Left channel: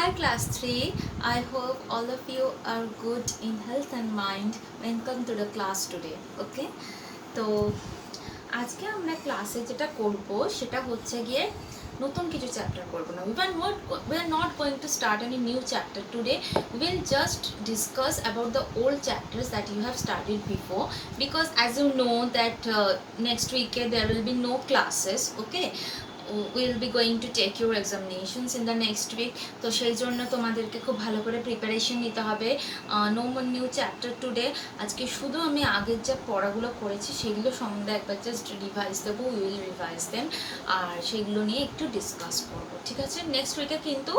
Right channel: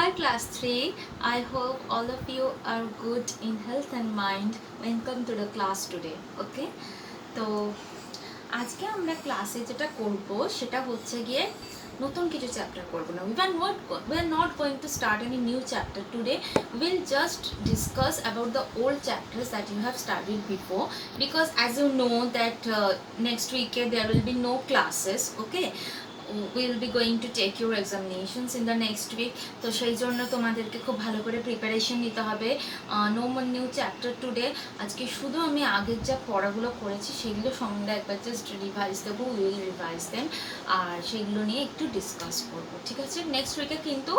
Hi class 3, I hope all of you are good in health and mind. Welcome to the class today. Okay, তো আজকে আমরা ক্লাসে যেটা করব সেটা হচ্ছে গিয়ে নতুন কিছু চ্যাপ্টার করব না. We are not going to start any new chapter today. We'll just discuss about the old chapters that you have studied before, because as you know that next week there will be no classes. Okay, will be going to take your examinations in the next week. তো সেই জন্য তোমাদেরকে খুব ভালো করে preparation নিতে হবে. No more new chapter today. আজকে শুধু আমি আগের যা পড়াগুলো করেছি সেগুলো সম্বন্ধে একবার জাস্ট রিভাইজ দেবো. উইল রিভাইজ দেন, আর সেগুলো নিয়ে একটু ডিসকাস করবো. ঠিক আছে? নেক্সট উইকে কিন্তু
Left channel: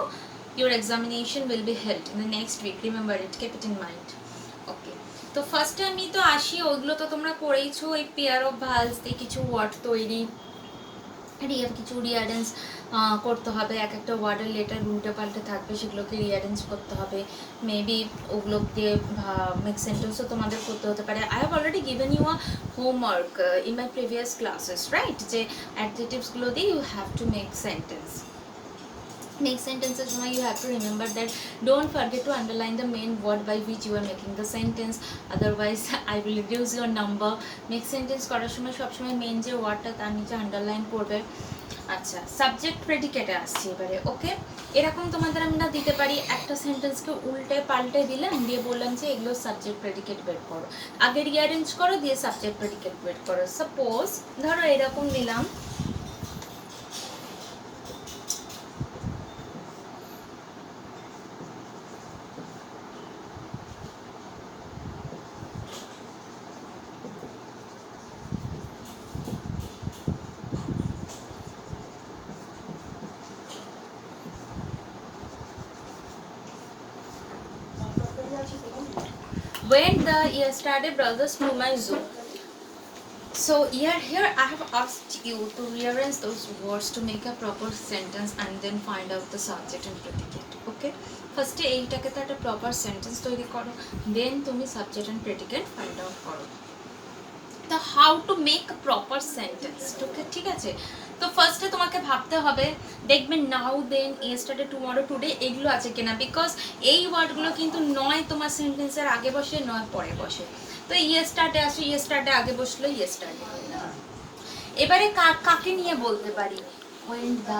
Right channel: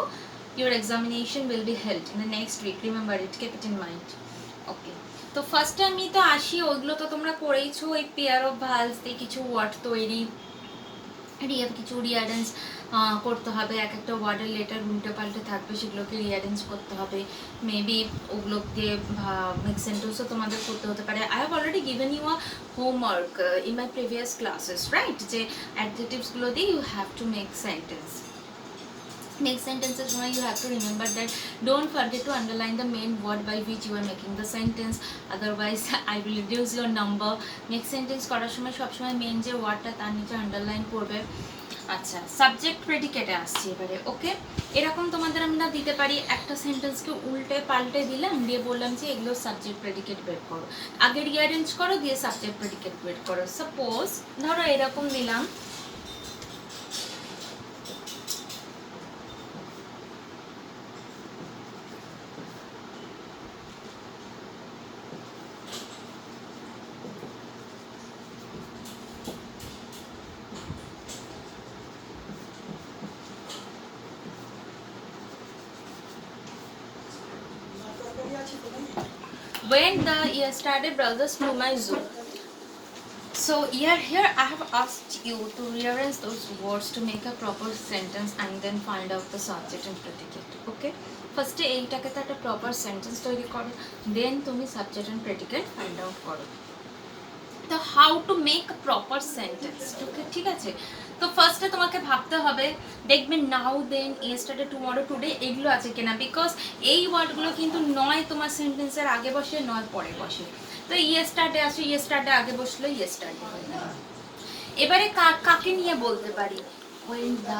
your examination will be held in the next week. Remember it, keep it in mind. Okay, তো ফার্স্টে আমি তো আসি, ওইগুলো তো তোমরা করেইছো. ওই পেয়ার অফ ভালস দিয়ে কিছু ওয়ার্ড তৈরি, কিছু রিঅ্যারেঞ্জ করতে হবে. এক একটা ওয়ার্ডের লেটার উল্টে পাল্টে থাকবে, সেগুলোকে রিঅ্যারেঞ্জ করতে হবে. মেবি ওগুলোকে মেক সেন্টেন্সও তোমাদের করতে হতে পারে. I have already given you a homework in my previous classes, right? যে অ্যাডজেক্টিভসগুলো দিয়ে you have to make sentence. Next sentences, you have to remember that don't forget to underline the main word by which you are making the sentence, otherwise I will reduce your number. Next sentence করার সময় সবসময় main যে ওয়ার্ডটা তার নিচে underline করবে. আচ্ছা, subject প্রেডিকেটে আসছি এবারে. ওকে, এরকম তোমাদের আমরা দিতে পারি, একটা সেন্টেন্সকে উল্টে পাল্টে দিলাম, দিয়ে বললাম যে এগুলো সাবজেক্ট প্রেডিকেট বের করো, আগে রিঅ্যারেঞ্জ করো, দিয়ে সাবজেক্ট প্রেডিকেট বের করো. সাপোজ ধরো এরকম দিলাম, when the yesterday brothers flew my zoo. So here I have asked you to rearrange those words to make a proper sentence and then find out the subject and predicate. Okay, ফার্স্টে এইটাকে তো একটা proper sentence তৈরি করো, দেন তুমি subject and predicate find out করো. তো how to make proper sentence, ঠিক আছে? তো ফার্স্টে তোমাকে ভাবতে হবে, দেখবে নাও, দেন, ইয়েস্টারডে, টুমরো, টুডে এগুলো আছে কিনা, বিকজ এই ওয়ার্ডগুলো কিন্তু নয় তোমার সেন্টেন্সের আগে বসে, নয় পরে বসে. তো ইয়েস্টারডে আসো, ইয়েস্টারডে আগে বসলো, ইয়েস্টারডে হয়ে গেল. এবারে কাকে নিয়ে বলতে পারি? ওয়েন দ্য,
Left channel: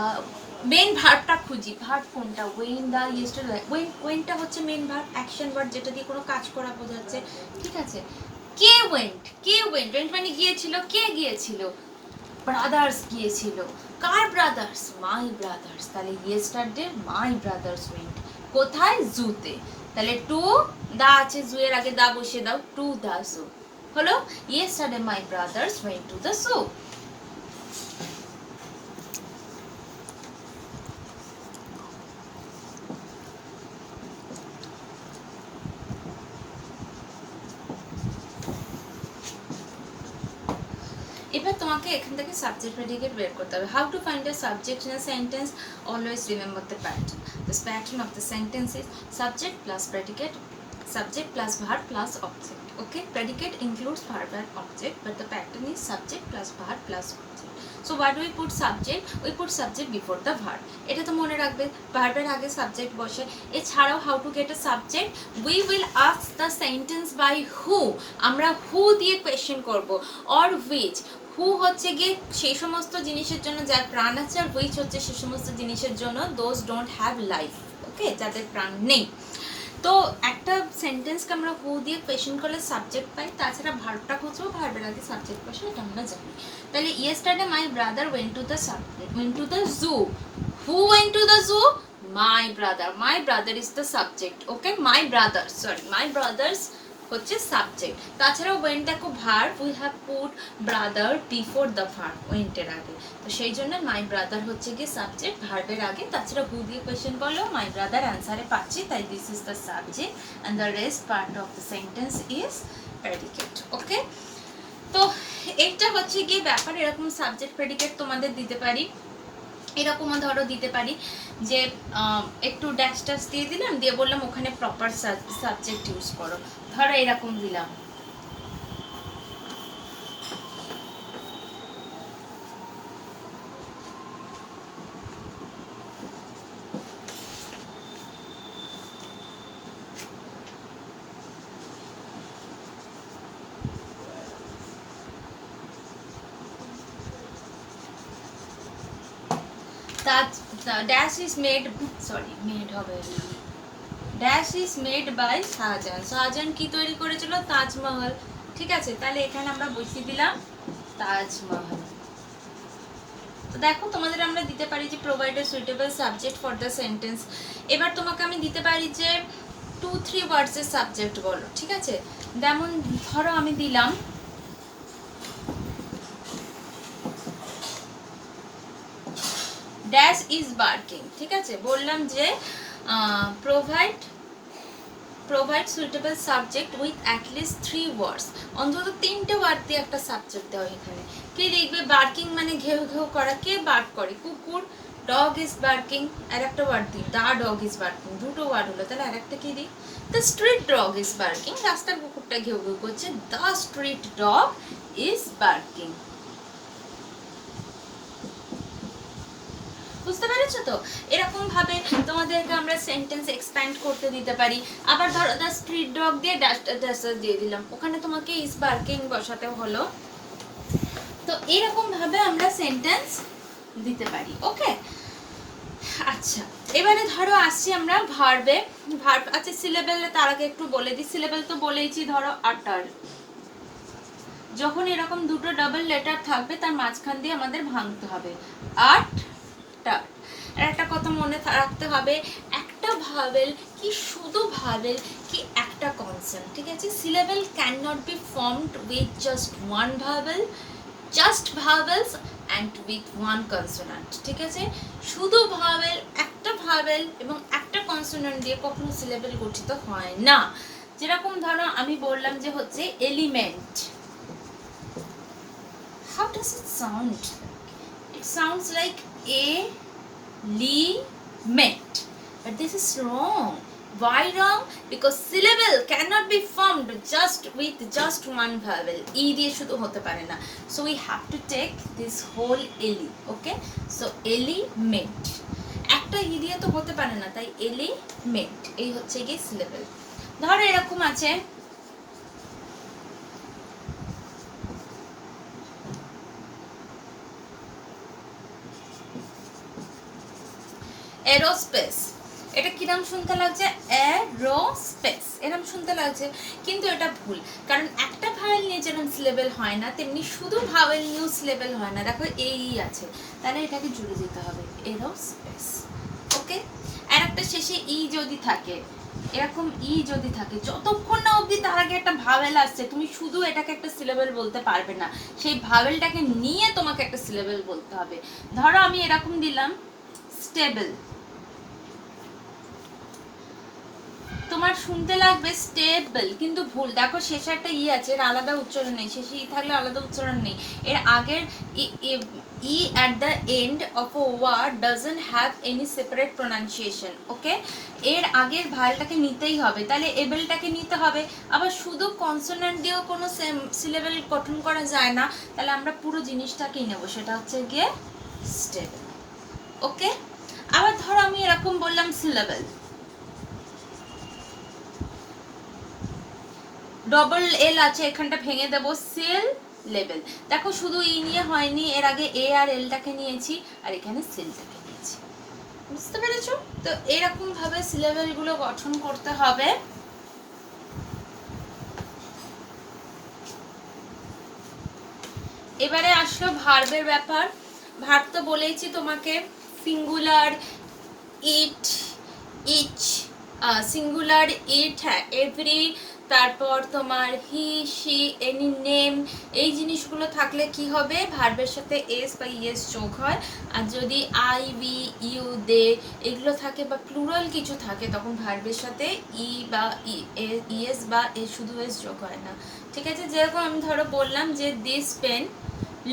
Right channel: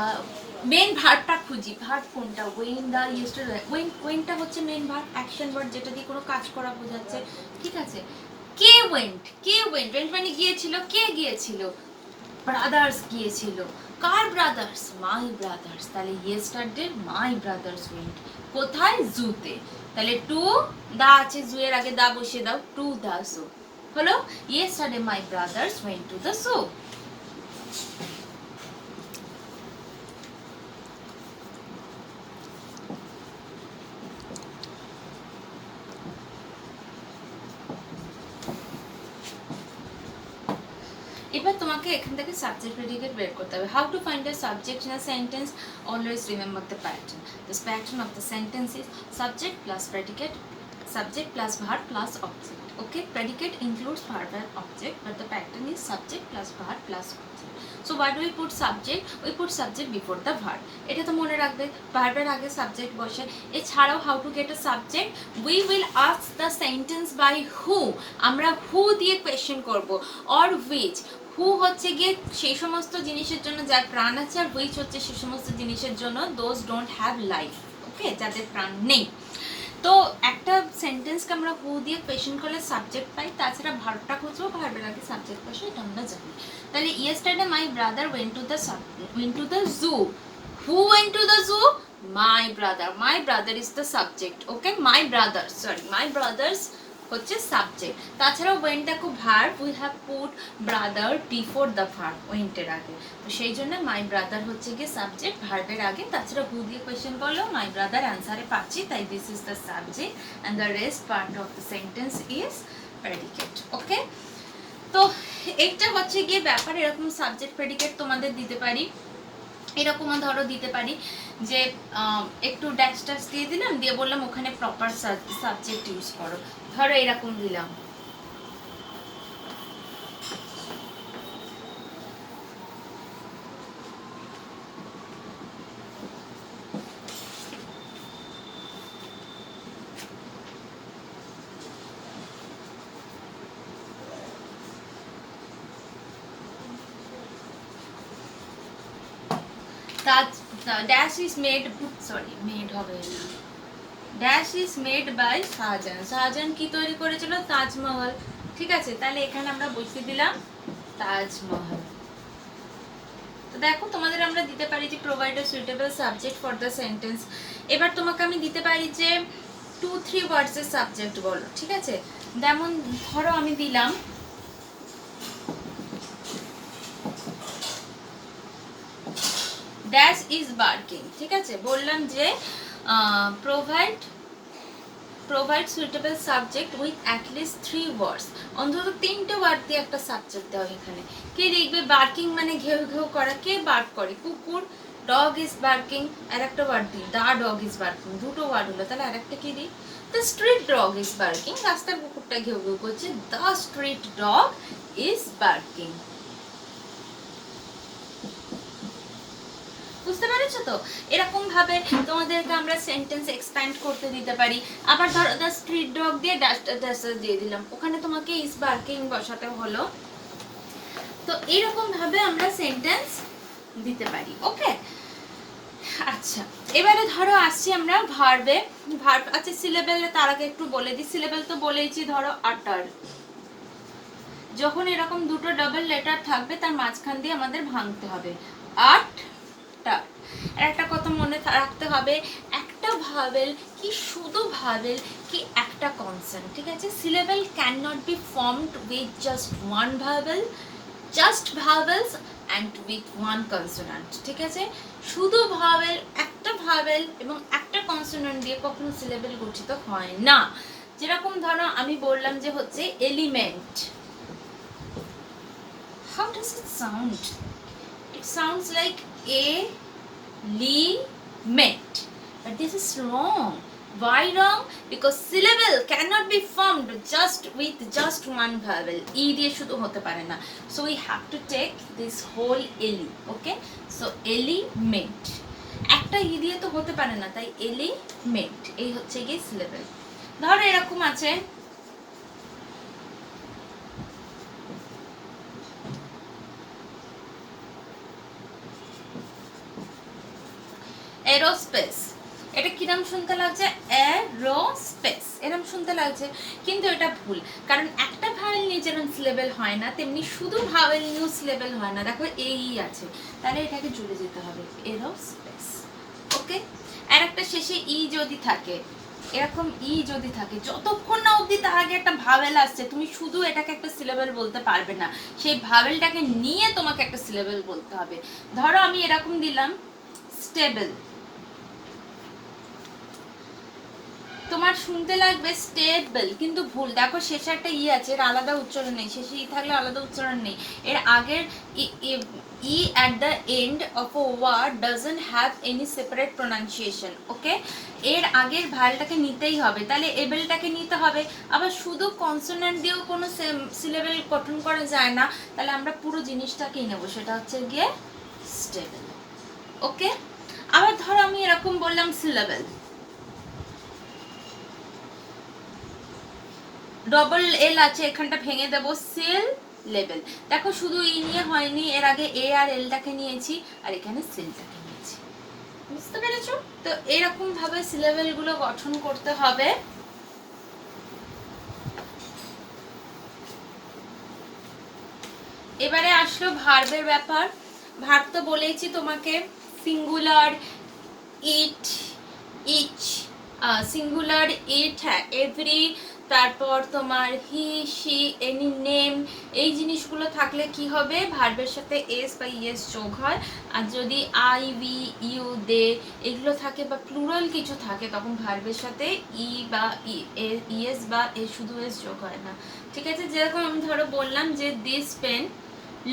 মেন ভার্বটা খুঁজি. ভার্ব কোনটা? When the yesterday. ওয়েনটা হচ্ছে মেন ভার্ব, অ্যাকশন ওয়ার্ড, যেটা দিয়ে কোনো কাজ করা বোঝাচ্ছে. ঠিক আছে? কে ওয়েন্ট, ওয়েন্ট মানে গিয়েছিল. কে গিয়েছিল? ব্রাদার্স গিয়েছিল. কার ব্রাদার্স? মাই ব্রাদার্স. তাহলে ইয়েস্টারডে মাই ব্রাদার্স ওয়েন্ট. কোথায়? জুতে. তাহলে টু দা আছে, জু এর আগে দা বসিয়ে দাও, টু দা জু হলো. Yesterday my brothers went to the zoo. এবার তোমাকে এখান থেকে সাবজেক্ট প্রেডিকেট বের করতে হবে. How to find a subject in a sentence? Always remember the pattern. This pattern of the sentence is subject plus predicate, subject plus verb plus object. Okay, predicate includes verb and object, but the pattern is subject plus verb plus object. So why do we put subject? We put subject before the verb. এটা তো মনে রাখবে, ভার্বের আগে subject বসে. এছাড়াও how to get a subject? We will ask the sentence by who. আমরা who দিয়ে কোয়েশ্চেন করব, or which. হু হচ্ছে গিয়ে সেই সমস্ত জিনিসের জন্য যার প্রাণ আছে, আর হুইচ হচ্ছে সেই সমস্ত জিনিসের জন্য দোজ ডোন্ট হ্যাভ লাইফ. ওকে, যাদের প্রাণ নেই. তো একটা সেন্টেন্সকে আমরা হু দিয়ে কোয়েশ্চেন করলে সাবজেক্ট পাই, তাছাড়া ভার্বটা খুঁজবো, ভার্বের আগে সাবজেক্ট বসে, এটা আমরা জানি. তাহলে yesterday my brother went to the zoo. Who went to the zoo? My brother. My brother is the subject. Okay, my brother's হচ্ছে সাবজেক্ট. তাছাড়াও ওয়েন্টটা খুব verb, we have put brother before the verb, ওয়েন্টের আগে. তো সেই জন্য my brother হচ্ছে গিয়ে সাবজেক্ট ভার্বের আগে. তাছাড়া হু দিয়ে কোয়েশ্চেন করলেও মাই ব্রাদার অ্যান্সারে পাচ্ছি, তাই this is the subject and the rest part of the sentence is predicate. Okay, তো এইটা হচ্ছে গিয়ে ব্যাপার. এরকম সাবজেক্ট প্রেডিকেট তোমাদের দিতে পারি. এরকমও ধরো দিতে পারি যে একটু ড্যাশ ড্যাশ দিয়ে দিলাম, দিয়ে বললাম ওখানে প্রপার সাবজেক্ট ইউজ করো. ধরো এরকম দিলাম, Taj dash is made, sorry made হবে না, dash is made by Shahjahan. Shahjahan কি তৈরি করেছিল? তাজমহল। ঠিক আছে, তাহলে এখানে আমরা বসিয়ে দিলাম তাজমহল। তো দেখো তোমাদের আমরা দিতে পারি যে provide a suitable subject for the sentence. এবার তোমাকে আমি দিতে পারি যে 2-3 ওয়ার্ডসের সাবজেক্ট বলো। ঠিক আছে, যেমন ধরো আমি দিলাম ড্যাশ ইজ বার্কিং। ঠিক আছে, বললাম যে provide suitable subject with at least 3 ওয়ার্ডস। অন্তত 3টে ওয়ার্ড দিয়ে একটা সাবজেক্ট দাও এখানে। কে দেখবে বার্কিং মানে ঘেউ ঘেউ করা, কে বার্ক করে? কুকুর। ডগ ইজ বার্কিং, আর একটা ওয়ার্ড দিই, দা ডগ ইজ বার্কিং, দুটো ওয়ার্ড হলো, তাহলে আর একটা কি দিই? The street dog is barking, রাস্তার কুকুরটা ঘেউ ঘেউ করছে, the street dog is barking. বুঝতে পেরেছো তো? এরকম ভাবে তোমাদেরকে আমরা সেন্টেন্স এক্সপ্যান্ড করতে দিতে পারি। আবার ধরো দ্য স্ট্রিট ডগ দিয়ে ড্যাশ দিয়ে দিলাম, ওখানে তোমাকে ইজ বার্কিং বসাতে হলো। তো এরকম ভাবে আমরা সেন্টেন্স দিতে পারি। ওকে, আচ্ছা এবারে ধরো আসছি আমরা ভার্বে। ভার্ব, আচ্ছা সিলেবেলে তার আগে একটু বলে দিই। সিলেবেল তো বলেইছি, ধরো আটার, যখন এরকম দুটো ডাবল লেটার থাকবে তার মাঝখান দিয়ে আমাদের ভাঙতে হবে। আট টার। আর একটা কথা মনে রাখতে হবে, একটা ভাওয়েল কি শুধু ভাওয়েল কি একটা কনসোনেন্ট। ঠিক আছে, syllable can not be formed with just one vowel, just vowels and with one consonant. ঠিক আছে, শুধু ভাওয়েল, একটা ভাওয়েল এবং একটা কনসোনেন্ট দিয়ে কখনো সিলেবেল গঠিত হয় না। যেরকম ধরো আমি বললাম যে হচ্ছে element. How does it sound? It sounds like element, but this is wrong. Why wrong? Because syllable cannot be formed just with just one vowel. E দিয়ে শুধু হতে পারে না, so we have to take this whole eli. Okay, so element একটা ই দিয়ে তো হতে পারে না, তাই element এই হচ্ছে কি syllable। ধরো এরকম আছে এরোস্পেস। এটা কিরম শুনতে লাগছে? এরোস্পেস এরম শুনতে লাগছে, কিন্তু এটা ভুল। কারণ একটা ভাওয়েল নিয়ে যেরকম সিলেবেল হয় না, তেমনি শুধু ভাওয়েল নিয়েও সিলেবেল হয় না। দেখো এই আছে, তাহলে এটাকে জুড়ে যেতে হবে এরোস্পেস। ওকে, আর একটা শেষে ই যদি থাকে, এরকম ই যদি থাকে, যতক্ষণ না অবধি তার আগে একটা ভাওয়েল আসছে, তুমি শুধু এটাকে একটা সিলেবেল বলতে পারবে না, সেই ভাওয়েলটাকে নিয়ে তোমাকে একটা সিলেবেল বলতে হবে। ধরো আমি এরকম দিলাম স্টেবল, তোমার শুনতে লাগবে স্টেবল, কিন্তু ভুল। দেখো শেষে একটা ই আছে, এর আলাদা উচ্চারণ নেই, শেষে ই থাকলে আলাদা উচ্চারণ নেই। এর আগের ই at the end of a word doesn't have any separate pronunciation. ওকে, এর আগের ভালটাকে নিতেই হবে, তাহলে এবেলটাকে নিতে হবে। আবার শুধু কনসোনেন্ট দিয়েও কোনো সিলেবেল গঠন করা যায় না, তাহলে আমরা পুরো জিনিসটাকেই নেব, সেটা হচ্ছে গিয়ে স্টেবল। ওকে, আবার ধরো আমি এরকম বললাম সিলেবেল, ডবল এল আছে, এখানটা ভেঙে দেবো সিল লেবেল। দেখো শুধু ই নিয়ে হয়নি, এর আগে এ আর এলটাকে নিয়েছি, আর এখানে সিলটাকে নিয়েছি। বুঝতে পেরেছো তো? এরকম ভাবে সিলেবেল গুলো গঠন করতে হবে। এবারে আসলো ভার্বের ব্যাপার। ভার্ব তো বলেইছি তোমাকে, সিঙ্গুলার ইট, ইচ, সিঙ্গুলার ইট, এভরি, তারপর তোমার হি, শি, এনি, নেম, এই জিনিসগুলো থাকলে কি হবে? ভার্বের সাথে এস বা ইএস যোগ হয়। আর যদি আই, উই, ইউ, দে এগুলো থাকে বা প্লুরাল কিছু থাকে, তখন ভার্বের সাথে ই বা ইএস বা এ শুধু এস যোগ হয় না। ঠিক আছে, যেরকম আমি ধরো বললাম যে দিস পেন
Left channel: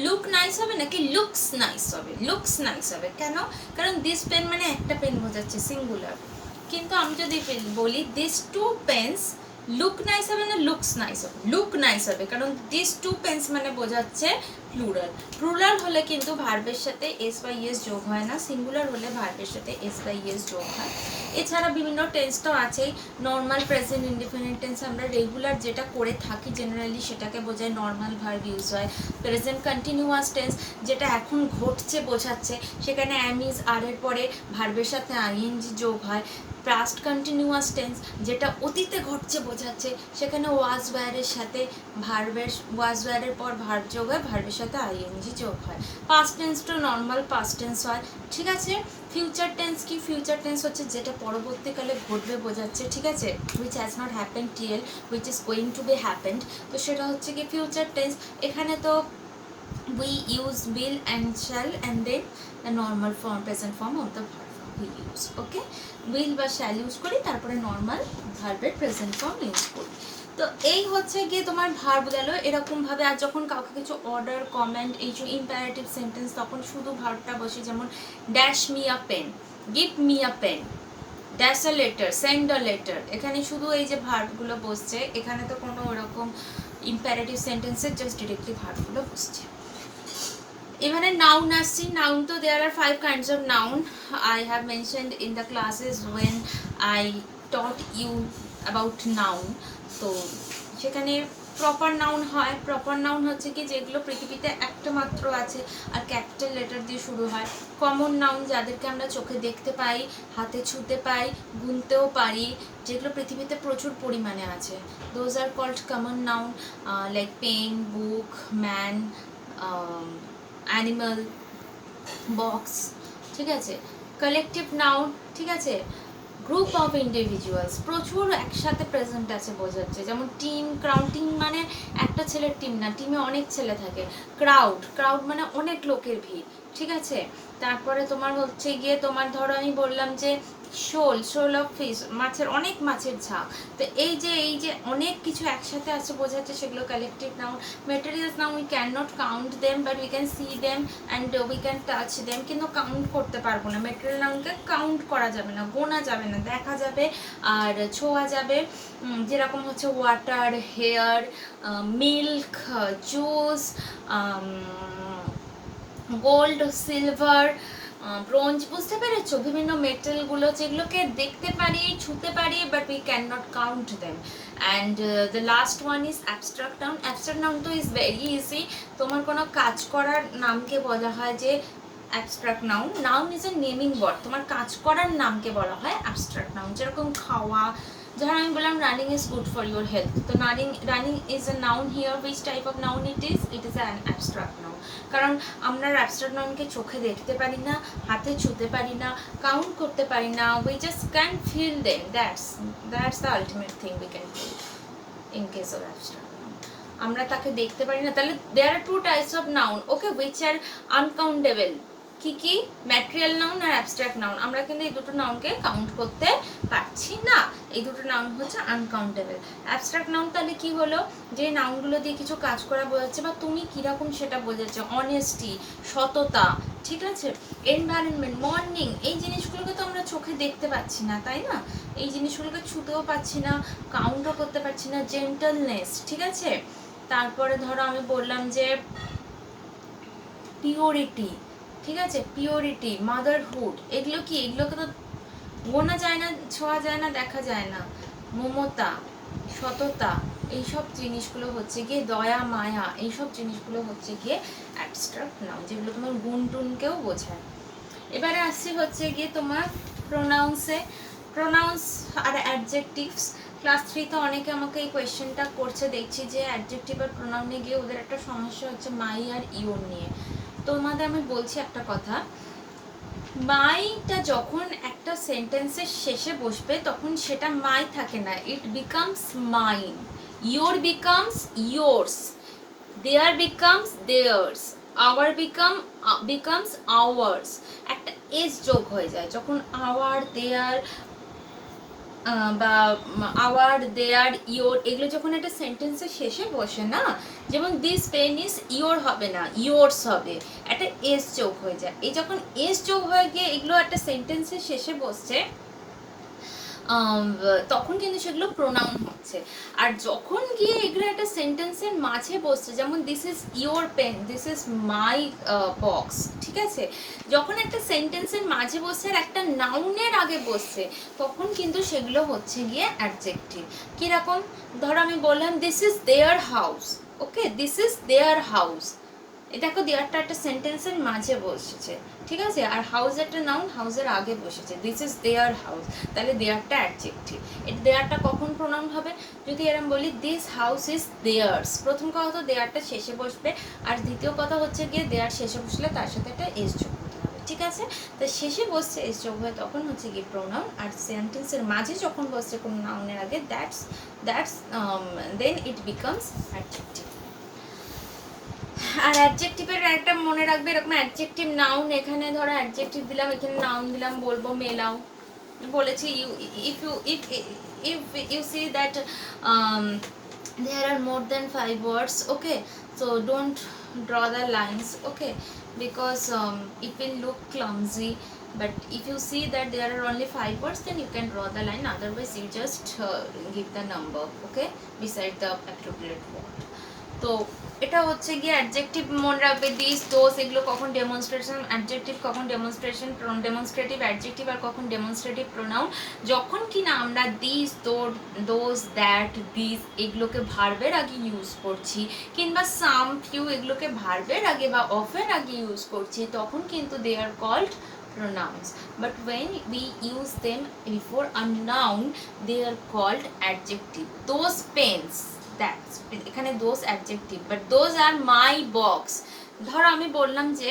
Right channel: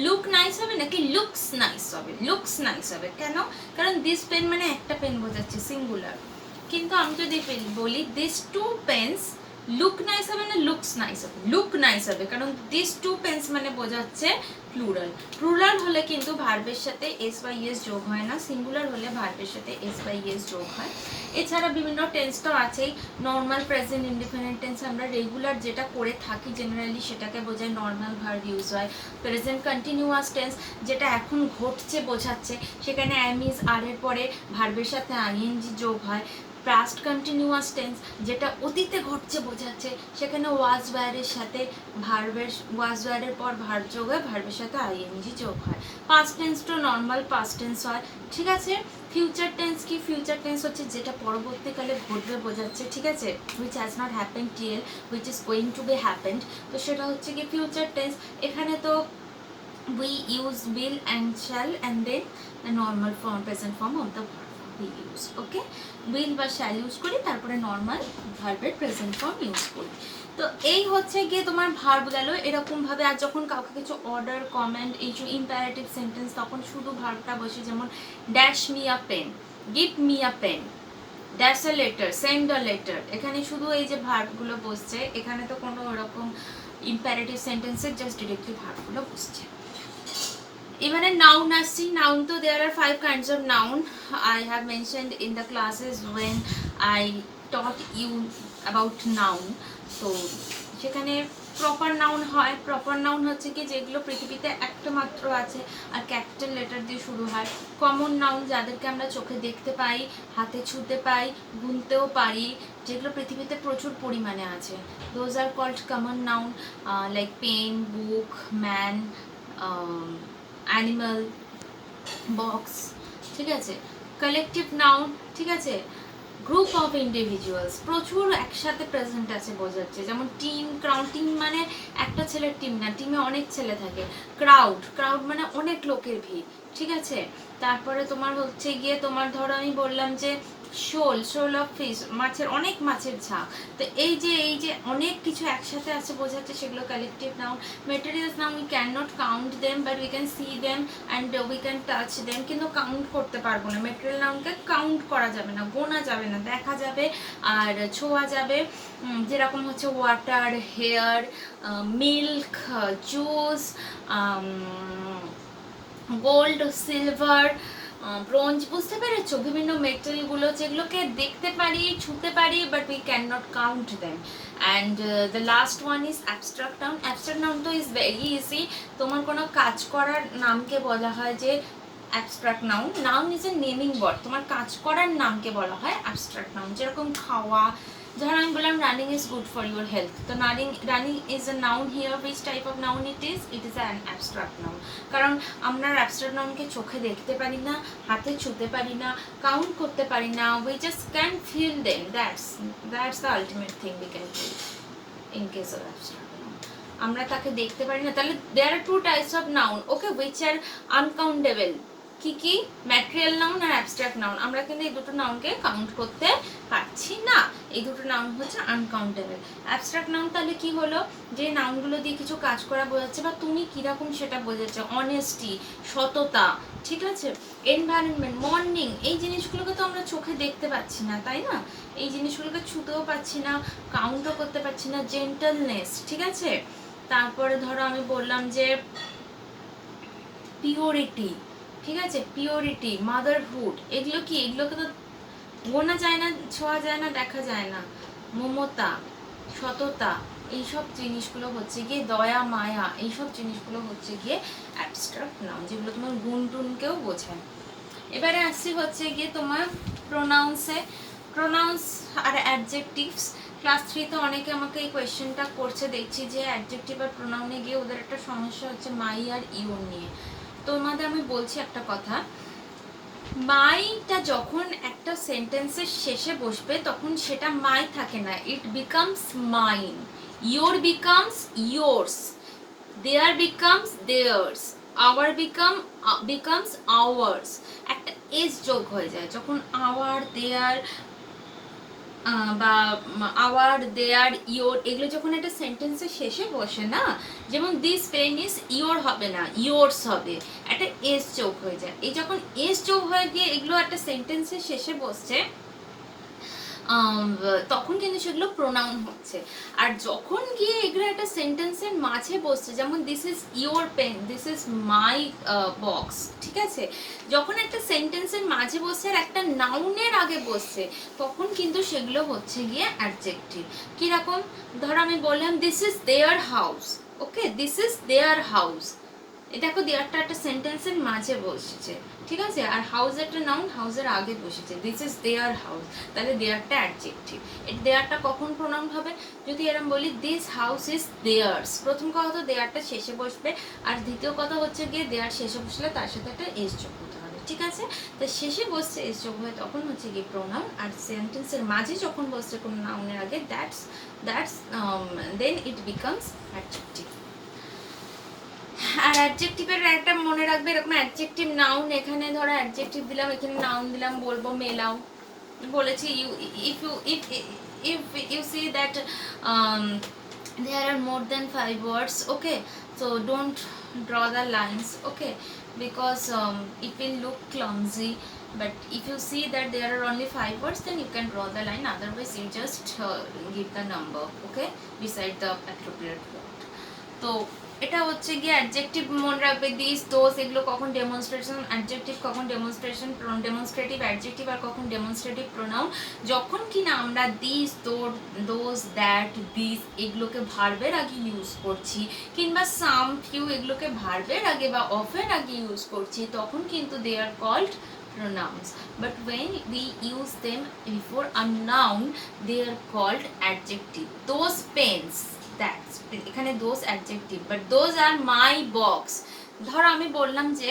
লুক নাইস হবে নাকি লুকস নাইস হবে? লুকস নাইস হবে। কেন? কারণ দিস পেন মানে একটা পেন বোঝাচ্ছে, সিঙ্গুলার। কিন্তু আমি যদি বলি this two pens look nice হবে না লুকস নাইস হবে? লুক নাইস হবে, কারণ দিস টু পেন্স মানে বোঝাচ্ছে প্লুরাল। প্লুরাল হলে কিন্তু ভার্বের সাথে এস বা ইএস যোগ হয় না, সিঙ্গুলার হলে ভার্বের সাথে এস বা ইএস যোগ হয়। এছাড়া বিভিন্ন টেন্স তো আছেই। নর্মাল প্রেজেন্ট ইনডিফিনিট টেন্স আমরা রেগুলার যেটা করে থাকি জেনারেলি সেটাকে বোঝায়, নর্মাল ভার্ব ইউজ হয়। প্রেজেন্ট কন্টিনিউয়াস টেন্স যেটা এখন ঘটছে বোঝাচ্ছে, সেখানে অ্যাম ইজ আর এর পরে ভার্বের সাথে আইএনজি যোগ হয়। পাস্ট কন্টিনিউয়াস টেন্স যেটা অতীতে ঘটছে বোঝাচ্ছে, সেখানে ওয়াজ ওয়্যারের সাথে ওয়াজ ওয়্যারের পর ভার্ব যোগ হয়, ভার্বের সাথে আইএনজি যোগ হয়। পাস্ট টেন্স তো নর্মাল পাস্ট টেন্স হয়, ঠিক আছে। ফিউচার টেন্স কি? ফিউচার টেন্স হচ্ছে যেটা পরবর্তীকালে ঘটবে বোঝাচ্ছে, ঠিক আছে, which has not happened till, which is going to B happened. তো সেটা হচ্ছে কি ফিউচার টেন্স। এখানে তো we use will and shall and then the normal form, present form of the verb we use, okay? will বা shall use করি, তারপরে normal ভার্বের প্রেজেন্ট ফর্ম ইউজ করি। তো এই হচ্ছে গিয়ে তোমার ভার্ব গেল এরকমভাবে। আর যখন কাউকে কিছু অর্ডার, কমেন্ট, এই যে ইম্পারেটিভ সেন্টেন্স, তখন শুধু ভার্বটা বসে, যেমন dash me a pen, give me a pen, dash a letter, send a letter. এখানে শুধু এই যে ভার্বগুলো বসছে, এখানে তো কোনো ওরকম ইম্পারেটিভ সেন্টেন্সের জাস্ট ডিরেক্টলি ভার্বগুলো বসছে। এবারে নাউন আসছি। নাউন তো there are 5 kinds of noun I have mentioned in the classes when I taught you about noun. তো সেখানে প্রপার নাউন হয়। প্রপার নাউন হচ্ছে কি যেগুলো পৃথিবীতে একটা মাত্র আছে আর ক্যাপিটাল লেটার দিয়ে শুরু হয়। কমন নাউন যাদেরকে আমরা চোখে দেখতে পাই, হাতে ছুঁতে পাই, গুনতেও পারি, যেগুলো পৃথিবীতে প্রচুর পরিমাণে আছে। Those are called common noun, like pen, book, man, animal, box, ঠিক আছে। কালেকটিভ নাউন, ঠিক আছে, গ্রুপ অফ ইন্ডিভিজুয়ালস, প্রচুর একসাথে প্রেজেন্ট আছে বোঝাচ্ছে। যেমন টিম, ক্রাউড, টিম মানে একটা ছেলের টিম না, টিমে অনেক ছেলে থাকে। ক্রাউড, ক্রাউড মানে অনেক লোকের ভিড়, ঠিক আছে। তারপরে তোমার হচ্ছে গিয়ে তোমার ধরো আমি বললাম যে শোল, শোল অফ ফিশ, মাছের অনেক মাছের ঝাঁক। তো এই যে অনেক কিছু একসাথে আছে বোঝাচ্ছে, সেগুলো collective noun. Materials noun, we can not count them but we can see them and we can touch them, কিন্তু কাউন্ট করতে পারবো না। ম্যাটেরিয়াল নাউনকে কাউন্ট করা যাবে না, গোনা যাবে না, দেখা যাবে আর ছোঁয়া যাবে। যেরকম হচ্ছে water, hair, milk, juice, gold, silver, bronze, বুঝতে পেরেছো? বিভিন্ন মেটেলগুলো যেগুলোকে দেখতে পারি, ছুঁতে পারি, but we can not count them. And the last one is abstract noun. Abstract noun তো ইজ ভেরি ইজি। তোমার কোনো কাজ করার নামকে বলা হয় যে abstract noun. Noun is a naming word, তোমার কাজ করার নামকে বলা হয় অ্যাবস্ট্রাক্ট নাউন। যেরকম খাওয়া, যখন আমি বললাম running is good for your health, তো running is a noun here. Which type of noun it is an abstract noun. কারণ আমরা অ্যাবস্ট্রাক্ট নাউনকে চোখে দেখতে পারি না, হাতে ছুঁতে পারি না, কাউন্ট করতে পারি না, we just can feel them. That's the ultimate thing we can feel in case of abstract noun. আমরা তাকে দেখতে পারি না। তাহলে there are 2 types of noun, okay, which are uncountable. কি কি? ম্যাটেরিয়াল নাউন আর অ্যাবস্ট্রাক্ট নাউন। আমরা কিন্তু এই দুটো নাউনকে কাউন্ট করতে পারছি না, এই দুটো নাউন হচ্ছে আনকাউন্টেবল। অ্যাবস্ট্রাক্ট নাউন তাহলে কি হলো, যে নাউনগুলো দিয়ে কিছু কাজ করা বোঝাচ্ছে বা তুমি কীরকম সেটা বোঝাচ্ছে। অনেস্টি, সততা, ঠিক আছে। এনভায়রনমেন্ট, মর্নিং, এই জিনিসগুলোকে তো আমরা চোখে দেখতে পাচ্ছি না, তাই না? এই জিনিসগুলোকে ছুতেও পাচ্ছি না, কাউন্টও করতে পারছি না। জেন্টলনেস, ঠিক আছে। তারপরে ধরো আমি বললাম যে পিওরিটি, ঠিক আছে, পিওরিটি, মাদারহুড, এগুলো কি? এগুলোকে তো গোনা যায় না, ছোঁয়া যায় না, দেখা যায় না। মমতা, সততা, এইসব জিনিসগুলো হচ্ছে গিয়ে দয়া, মায়া, এইসব জিনিসগুলো হচ্ছে গিয়ে অ্যাবস্ট্রাক্ট নাউন, যেগুলো তোমার গুণ টুনকেও বোঝায়। এবারে আসছি হচ্ছে গিয়ে তোমার প্রোনাউন্সে। প্রোনাউন্স আর অ্যাডজেক্টিভস। ক্লাস 3 তো অনেকে আমাকে এই কোয়েশ্চেনটা করছে, দেখছি যে অ্যাডজেক্টিভ আর প্রোনাউনে গিয়ে ওদের একটা সমস্যা হচ্ছে মাই আর ইওর নিয়ে। তোমাদের আমি বলছি একটা কথা, মাইটা যখন একটা সেন্টেন্সের শেষে বসবে তখন সেটা মাই থাকে না, it becomes mine. Your becomes yours, their becomes theirs, our becomes ours. একটা এস যোগ হয়ে যায় যখন আওয়ার, দেয়ার বা আওয়ার, দেয়ার, ইয়োর, এগুলো যখন একটা সেন্টেন্সের শেষে বসে না, যেমন দিস পেন ইজ ইয়োর হবে না, ইয়োর্স হবে, একটা এস যোগ হয়ে যায়। এই যখন এস যোগ হয়ে গিয়ে এগুলো একটা সেন্টেন্সের শেষে বসছে, তখন কিন্তু সেগুলো প্রোনাউন হচ্ছে। আর যখন গিয়ে এগুলো একটা সেন্টেন্সের মাঝে বসছে, যেমন this is your pen, this is my box, ঠিক আছে, যখন একটা সেন্টেন্সের মাঝে বসছে আর একটা নাউনের আগে বসছে, তখন কিন্তু সেগুলো হচ্ছে গিয়ে অ্যাডজেক্টিভ। কিরকম, ধরো আমি বললাম this is their house, okay, this is their house, এই দেখো দেয়ারটা একটা সেন্টেন্সের মাঝে বসেছে, ঠিক আছে, আর হাউস একটা নাউন, হাউসের আগে বসেছে, দিস ইজ দেয়ার হাউস, তাহলে দেয়ারটা অ্যাডজেক্টিভ। এটা দেয়ারটা কখন প্রোনাউন হবে, যদি এরকম বলি দিস হাউস ইজ দেয়ার্স, প্রথম কথা তো দেয়ারটা শেষে বসবে, আর দ্বিতীয় কথা হচ্ছে গিয়ে দেয়ার শেষে বসলে তার সাথে একটা এস যোগ হতে হবে, ঠিক আছে, তো শেষে বসছে এস যোগ হয়ে তখন হচ্ছে গিয়ে প্রোনাউন, আর সেন্টেন্সের মাঝে যখন বসছে কোনো নাউনের আগে that's then it becomes adjective. আর অ্যাডজেক্টিভের একটা মনে রাখবে, এরকম অ্যাডজেক্টিভ নাউন, এখানে ধরো অ্যাডজেক্টিভ দিলাম, এখানে নাউন দিলাম, বলবো মেলাও, বলেছি you if you see that there are more than 5 words, okay, so don't draw the lines, okay, because it will look clumsy, but if you see that there are only 5 words, then you can draw the line, otherwise you just give the number, okay, beside the appropriate word. তো এটা হচ্ছে গিয়ে adjective মনে রাখবে, this those এগুলো কখন demonstration adjective, কখন demonstration demonstrative adjective, আর কখন ডেমনস্ট্রেটিভ প্রোনাউন, যখন কি না আমরা দিস দোজ দ্যাট দিস এগুলোকে ভার্বের আগে ইউজ করছি, কিংবা সাম ফিউ এগুলোকে ভার্বের আগে বা অফের আগে ইউজ করছি, তখন কিন্তু they are called pronouns, but when we use them before a noun they are called adjective. Those pens, that's এখানে those adjective, but those are my box. ধর আমি বললাম যে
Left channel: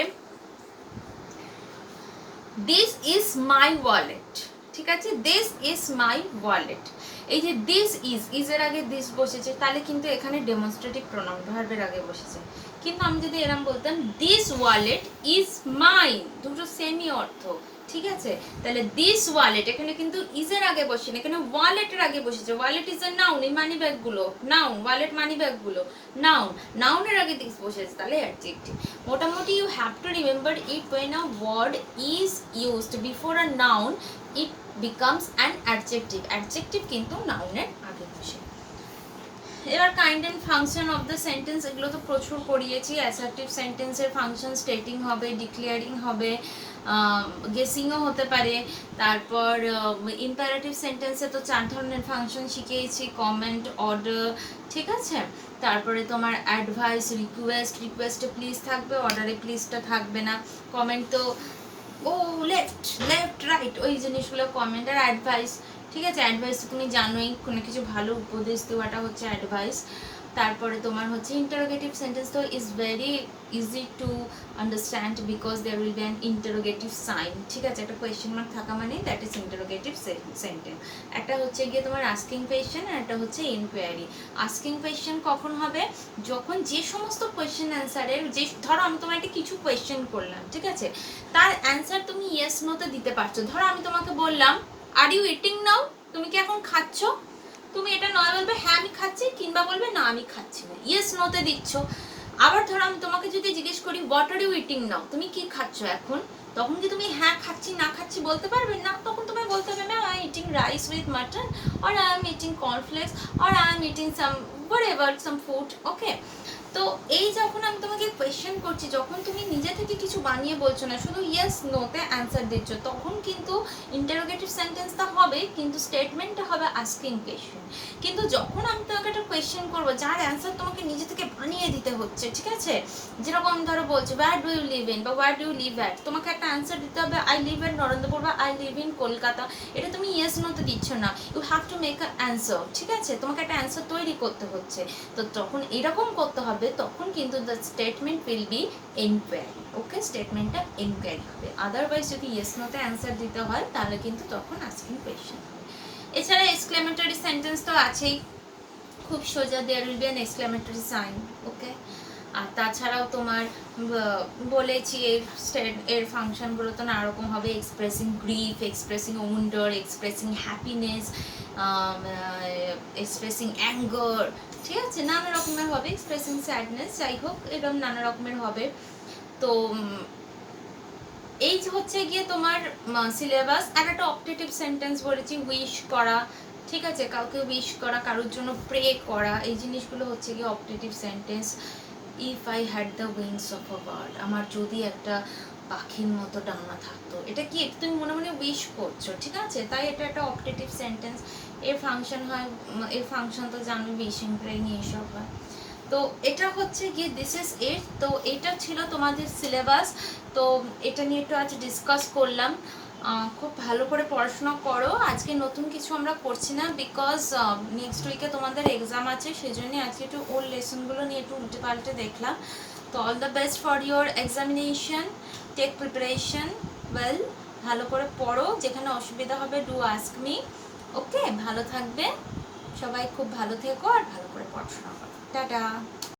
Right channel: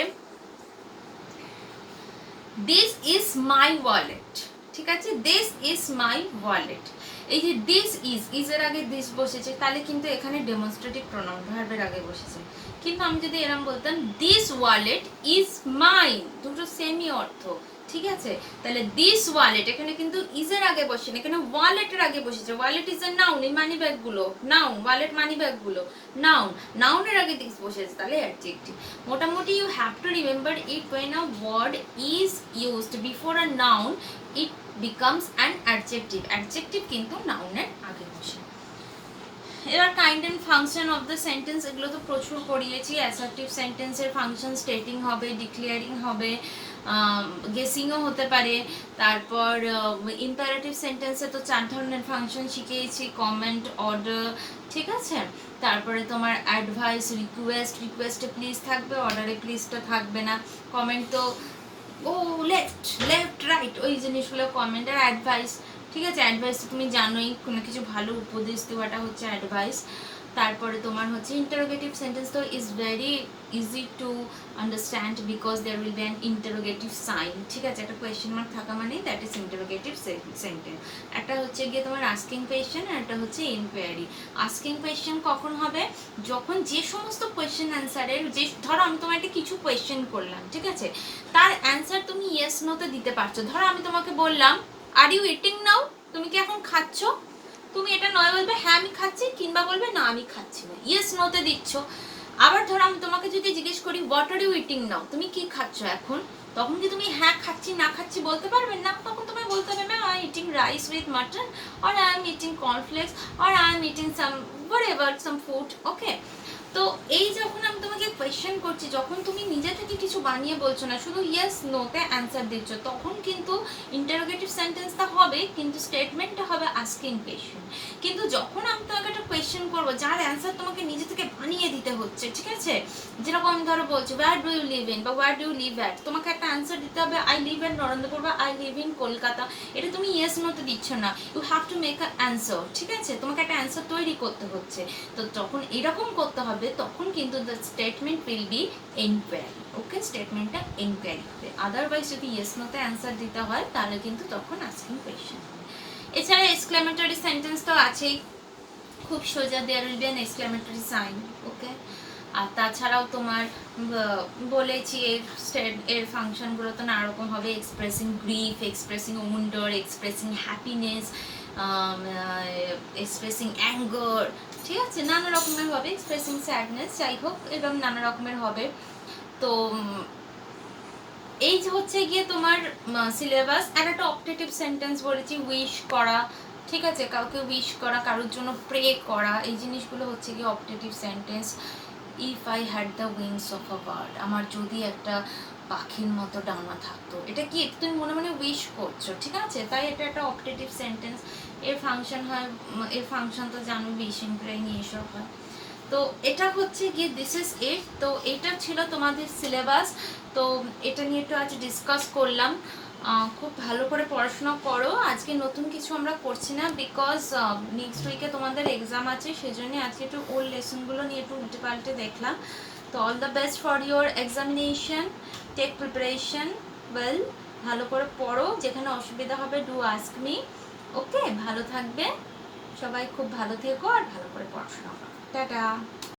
this is my wallet, ঠিক আছে, this is my wallet, এই যে this is এর আগে this বসেছে, তাহলে কিন্তু এখানে ডেমনস্ট্রেটিভ প্রোনাউন ভার্বের আগে বসেছে। কিন্তু আমি যদি এরকম বলতাম দিস ওয়ালেট ইজ মাইন, দুটো সেমই অর্থ, ঠিক আছে, তাহলে দিস ওয়ালেট এখানে কিন্তু ইজ এর আগে বসে না, এখানে ওয়ালেটের আগে বসেছে, ওয়ালেট ইজ এ নাউন, এই মানি ব্যাগ গুলো নাউন, ওয়ালেট মানি ব্যাগ গুলো নাউন, নাউনের আগে দিস বসেছে, তাহলে অ্যাডজেক্টিভ। মোটামুটি you have to remember it when a word is used before a noun it becomes an adjective, adjective কিন্তু নাউনের আগে বসে। এবার kind and function of the sentence, এগুলো তো প্রচুর করিয়েছি। অ্যাসার্টিভ সেন্টেন্সের ফাংশন স্টেটিং হবে, ডিক্লেয়ারিং হবে, গেসিংও হতে পারে, তারপর ইম্পারেটিভ সেন্টেন্সে তো 4 ধরনের ফাংশন শিখিয়েছি, কমেন্ট, অর্ডার, ঠিক আছে, তারপরে তোমার অ্যাডভাইস, রিকোয়েস্টে প্লিজ থাকবে, অর্ডারে প্লিজটা থাকবে না, কমেন্ট তো ও লেফট রাইট ওই জিনিসগুলো কমেন্ট, আর অ্যাডভাইস, ঠিক আছে, অ্যাডভাইস তুমি জানোই, কোনো কিছু ভালো উপদেশ দেওয়াটা হচ্ছে অ্যাডভাইস। তারপরে তোমার হচ্ছে ইন্টারোগেটিভ সেন্টেন্স, তো is very easy to understand because there will be an interrogative sign, ঠিক আছে, একটা কোয়েশ্চেন মার্ক থাকা মানে দ্যাট ইজ ইন্টারোগেটিভ সেন্টেন্স। একটা হচ্ছে গিয়ে তোমার আস্কিং কোয়েশ্চেন, আর একটা হচ্ছে ইনকোয়ারি। আস্কিং কোয়েশ্চেন কখন হবে, যখন যে সমস্ত কোয়েশ্চেন অ্যান্সারের, যে ধরো আমি তোমাকে কিছু কোয়েশ্চেন করলাম, ঠিক আছে, তার অ্যান্সার তুমি ইয়েস নোতে দিতে পারছো। ধরো আমি তোমাকে বললাম আর ইউ ইটিং নাও, তুমি কি এখন খাচ্ছ, তুমি এটা নয় বলবে হ্যাঁ আমি খাচ্ছি, কিংবা বলবে না আমি খাচ্ছি না, ইয়েস নোতে দিচ্ছ। আবার ধরো আমি তোমাকে যদি জিজ্ঞেস করি what are you eating now, তুমি কি খাচ্ছ এখন, তখন কি তুমি হ্যাঁ খাচ্ছি না খাচ্ছি বলতে পারবে না, তখন তোমায় বলতে হবে ma'am I eating rice with mutton, or I am eating cornflakes, or I am eating some whatever some food, okay. তো এই যখন আমি তোমাকে কোয়েশ্চেন করছি, যখন তুমি নিজে থেকে কিছু বানিয়ে বলছো না, শুধু ইয়েস নোতে অ্যান্সার দিচ্ছ, তখন কিন্তু ইন্টারোগেটিভ সেন্টেন্সটা হবে, কিন্তু স্টেটমেন্টটা হবে আস্কিং কোয়েশ্চেন। কিন্তু যখন আমি তোমাকে একটা কোয়েশ্চেন করবো যার অ্যান্সার তোমাকে নিজে থেকে বানিয়ে দিতে হচ্ছে, ঠিক আছে, যেরকম আমি ধরো বলছি where do you live in বা where do you live at, তোমাকে একটা অ্যান্সার দিতে হবে আই লিভ ইন নরেন্দ্রপুর বা আই লিভ ইন কলকাতা, এটা তুমি ইয়েস নোতে দিচ্ছ না, you have to make a answer, ঠিক আছে, তোমাকে একটা অ্যান্সার তৈরি করতে হচ্ছে। তো যখন এরকম করতে হবে তখন কিন্তু the statement will be enquiry, okay, স্টেটমেন্টটা এনকোয়ারি হবে। আদারওয়াইজ যদি ইয়েস নোতে অ্যান্সার দিতে হয় তাহলে কিন্তু তখন আস্কিং কোয়েশ্চেন হবে। এছাড়া এক্সক্লেমেটরি সেন্টেন্স তো আছেই, খুব সোজা, there will be an exclamatory sign, okay. আর তাছাড়াও তোমার বলেছি এর ফাংশনগুলো তো নানা রকম হবে, expressing grief, expressing wonder, expressing happiness, expressing anger, ঠিক আছে, নানা রকমের হবে, এক্সপ্রেসিং স্যাডনেস, যাই হোক এরকম নানা রকমের হবে। তো এই যে হচ্ছে গিয়ে তোমার সিলেবাস। আর একটা অপটেটিভ সেন্টেন্স বলেছি, উইশ করা, ঠিক আছে, কাউকে উইশ করা, কারোর জন্য প্রে করা, এই জিনিসগুলো হচ্ছে গিয়ে optative sentence. If I had the wings of a bird, আমার যদি একটা পাখির মতো ডানা থাকতো, এটা কি তুমি মনে মনে উইশ করছো, ঠিক আছে, তাই এটা একটা অপটেটিভ সেন্টেন্স। এর ফাংশন হয়, এর ফাংশন তো জানো, উইশিং, প্রেইং এইসব হয়। তো এটা হচ্ছে গিয়ে দিস ইজ ইট। তো এটা ছিল তোমাদের সিলেবাস। তো এটা নিয়ে একটু আজ ডিসকাস করলাম। খুব ভালো করে পড়াশোনা করো। আজকে নতুন কিছু আমরা করছি না, বিকজ নেক্সট উইকে তোমাদের এক্সাম আছে, সেজন্য আজকে একটু ওল্ড লেসনগুলো নিয়ে একটু উল্টে পাল্টে দেখলাম। তো all the best for your examination, take preparation well. ভালো করে পড়ো, যেখানে অসুবিধা হবে ডু আস্ক মি। ওকে, ভালো থাকবে সবাই, খুব ভালো থেকো আর ভালো করে পড়াশোনা করো। টাটা।